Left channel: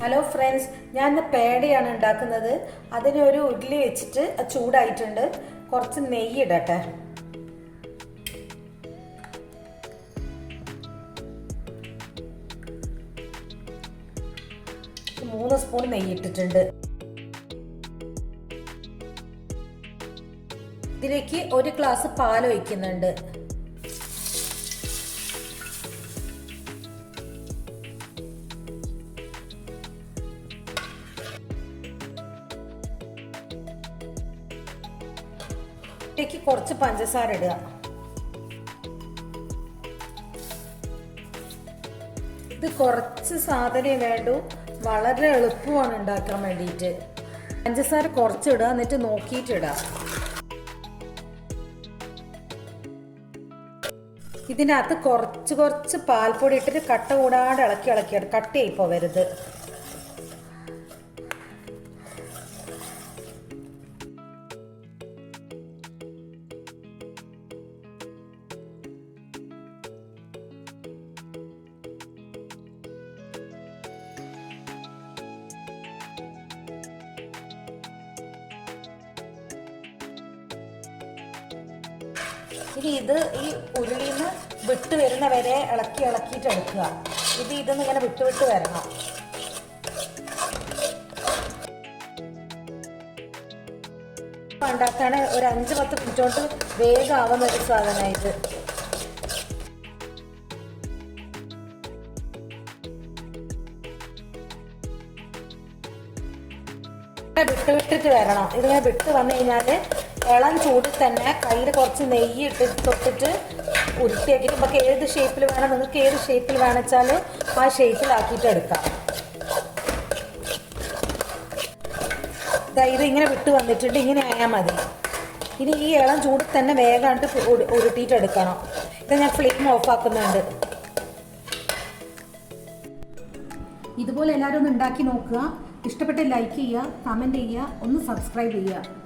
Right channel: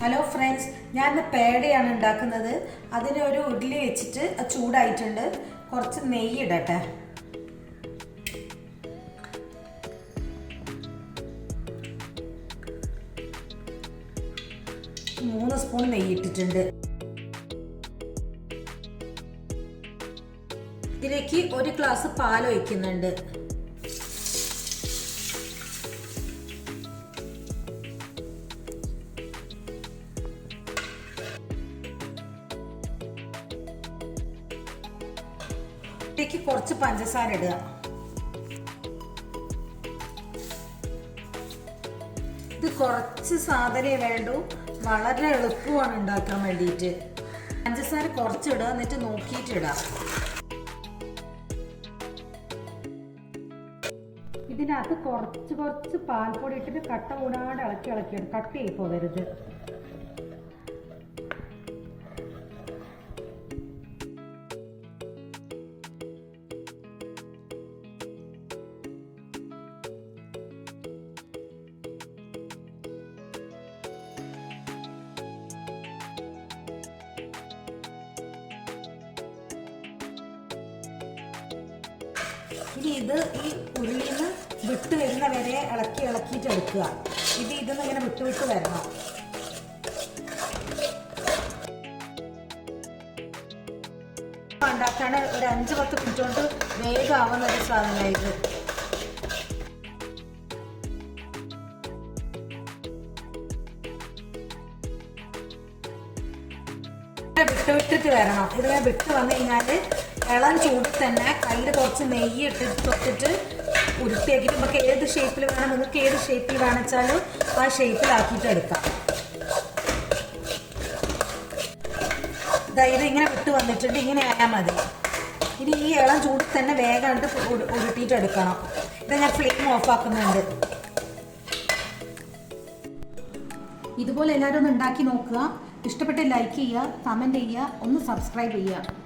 Hello friends, ഞാൻ ഇന്ന് പേടയാണ് ഉണ്ടാക്കുന്നത്. അതിനൊരു ഉരുളി വെച്ചിട്ട് ചൂടായിട്ടുണ്ട്. കുറച്ച് നെയ്യ് ഇടട്ടെ. മൂന്ന് സ്പൂൺ നെയ്യ് ഇട്ടിട്ടുണ്ട്. ഇതിലേക്ക് ഒരു ഗ്ലാസ് പാൽ ഒഴിക്കുന്നുണ്ട്. ഇതിലേക്ക് കുറച്ച് പഞ്ചസാര ഇടുക. ഇത് കുറച്ച് സാധനമേ വേണ്ടൂ, വളരെ എളുപ്പമാണ് ഉണ്ടാക്കാൻ വേണ്ടിയിട്ട്. പഞ്ചസാര കുറച്ചിടുക, എന്നിട്ട് നോക്കിയിട്ട് ഇടാം. ഇതിനകത്ത് കുറച്ച് പാൽപ്പൊടി ഇട്ടിട്ട് കട്ട കൂടാതെ ഇളക്കി കട്ടയായി പോവരുത്. ഇനി ഇത് ഈ ഉരുളിയിൽ നിന്ന് വിട്ട് വരുന്ന വരെ ഇളക്കിയിട്ട് എടുക്കുക. ഇതൊന്നും ഇങ്ങനെ വിട്ട് വരണം. ഉണ്ടാക്കണ ഒരു 5-10 മിനിറ്റ് കൊണ്ട് വേഗം ആവുന്ന ഒരു സാധനമായിട്ട്. വിട്ടിട്ട് വരണം. ഇതിങ്ങനെ വിട്ട് വന്നു കഴിഞ്ഞാൽ ഇളം ചൂടിൽ തന്നെ കയ്യിൽ കുറച്ച് നെയ്യ് തൊട്ടിട്ട് ഉരുട്ടിയാക്കിയിട്ട് നമുക്ക് ഏത് ഷേപ്പിൽ വേണം, നിങ്ങൾക്ക് ഏത് ഷേപ്പിൽ വേണമെച്ചാൽ ആ ഷേപ്പിലാക്കിയിട്ട് എടുക്കാം. ഇത് ഇങ്ങനെ വിട്ട് വന്നിട്ടുണ്ട്. ഇങ്ങനെ ആയാൽ മതി. ഇനി ഈ ഇളം ചൂടിൽ തന്നെ വേഗമായിട്ട് ഉരുട്ടിയിട്ട് എടുക്കണം. ഇത് ഞാൻ ഫ്ലെയിം ഓഫ് ആക്കുന്നുണ്ട്. ഇതുപോലെ എല്ലാവരും ഒന്ന് ഉണ്ടാക്കി നോക്കുക. ഇഷ്ടപ്പെട്ട ലൈക്ക് ചെയ്യുക, കമൻറ്റ് ചെയ്യുക, ഒന്ന് സബ്സ്ക്രൈബ് ചെയ്യുക.